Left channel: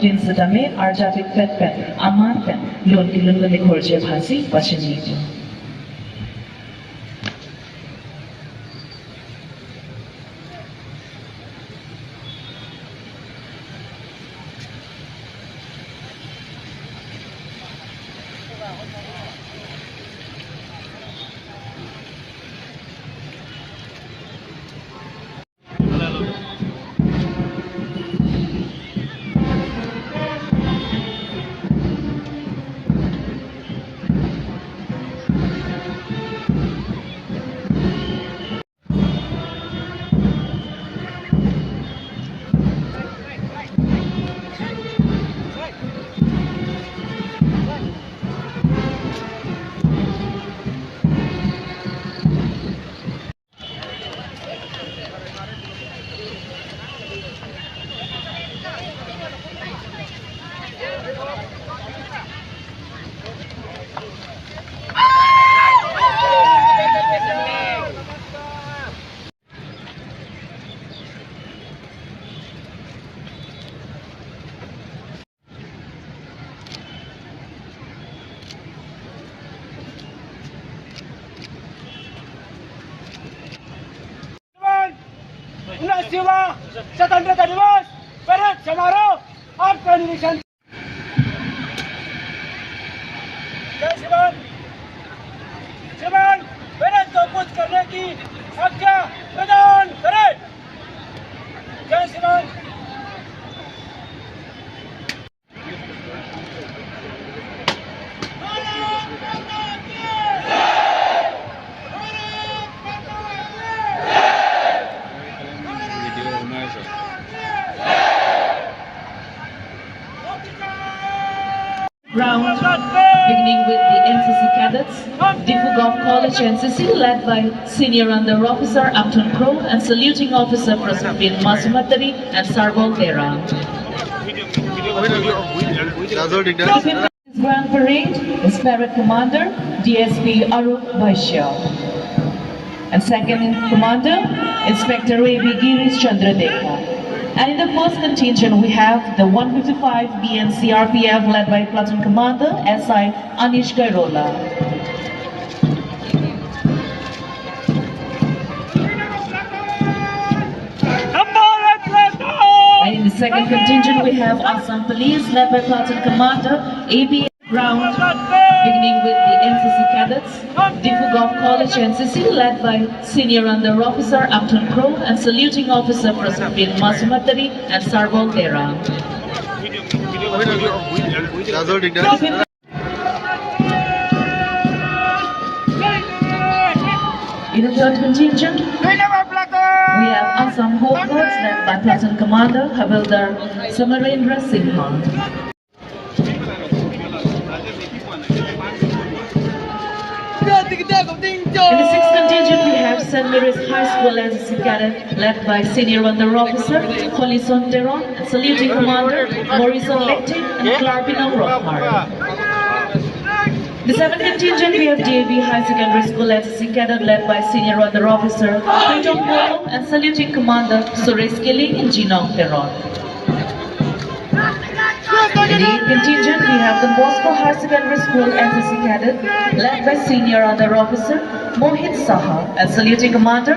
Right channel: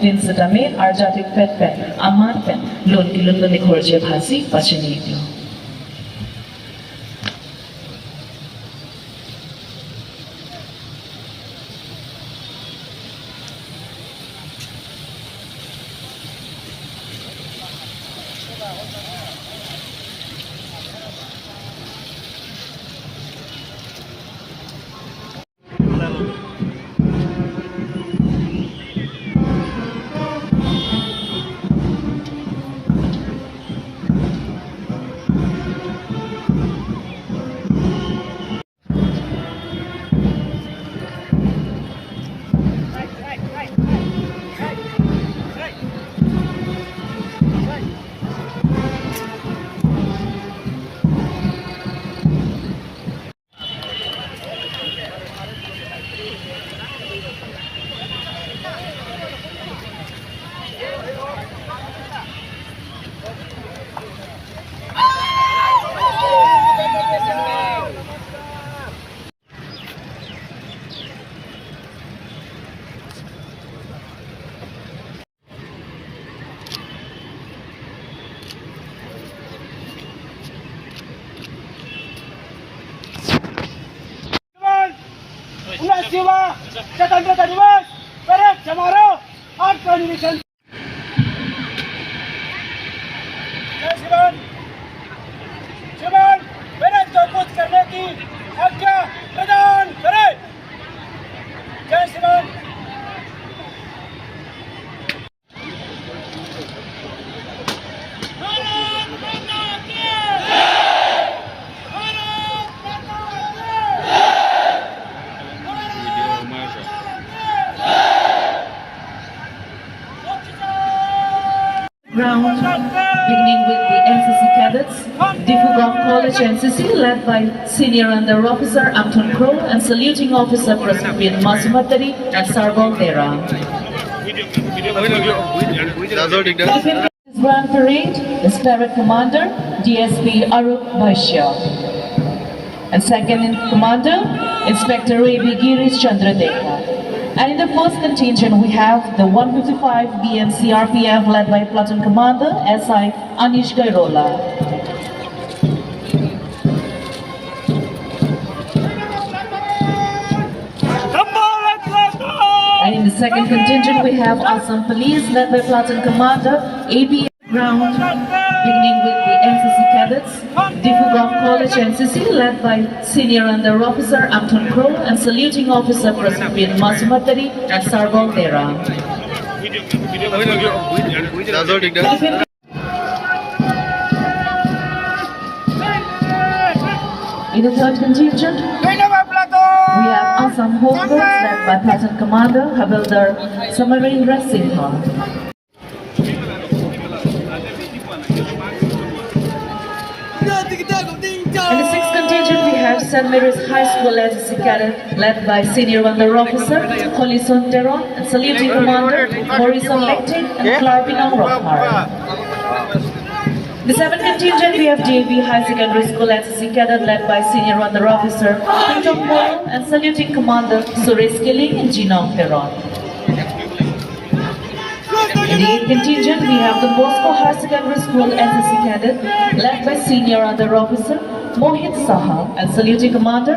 Tin Satame, Arjatik Pet Pen, Amar Pen, Lun Kilun Nikorje Bhasi, Pachinito. स्वतंत्रता दिवस parade समारोह और convocation. जय शिवन। शिवन परेड को कुछ करने की आज्ञा प्रदान करें। जय Sivan. Round, beginning with the NCC cadets, Difugov College NCC led by Senior Under Officer Amton Pro and Saluting Officer Prasupin Masumatari and Sarbal Dera. Grand Parade is Parade Commander DSP Arup Bhaishya. And second in Commander, Inspector A.B. Girish Chandradeka. And in the first contingent, we have the 155 BMC RPF led by Platoon Commander SI Anish Gairola. And in the second contingent, we have Assam Police led by Platoon Commander AB. Round, beginning with the NCC cadets, Difugov College NCC led by Senior Under Officer Amton Pro and Saluting Officer Prasupin Masumatari and Sarbal Dera. In the third contingent, we have Assam Home Guards led by Platoon Commander Havildar Samarendra Sinha. In the sixth contingent, we have St. Mary's High School NCC cadet led by Senior Under Officer Holison Teron and Saluting Commander Morrison Lectin and Clarpinang Rockmar. The seventh contingent, we have DAV High Secondary School NCC cadet led by Senior Under Officer Pritong Polo and Saluting Commander Suresh Kiling and Jinong Teron. In the eighth contingent, we have the Moscow High Secondary School NCC cadet led by Senior Under Officer Mohit Saha and Saluting Commander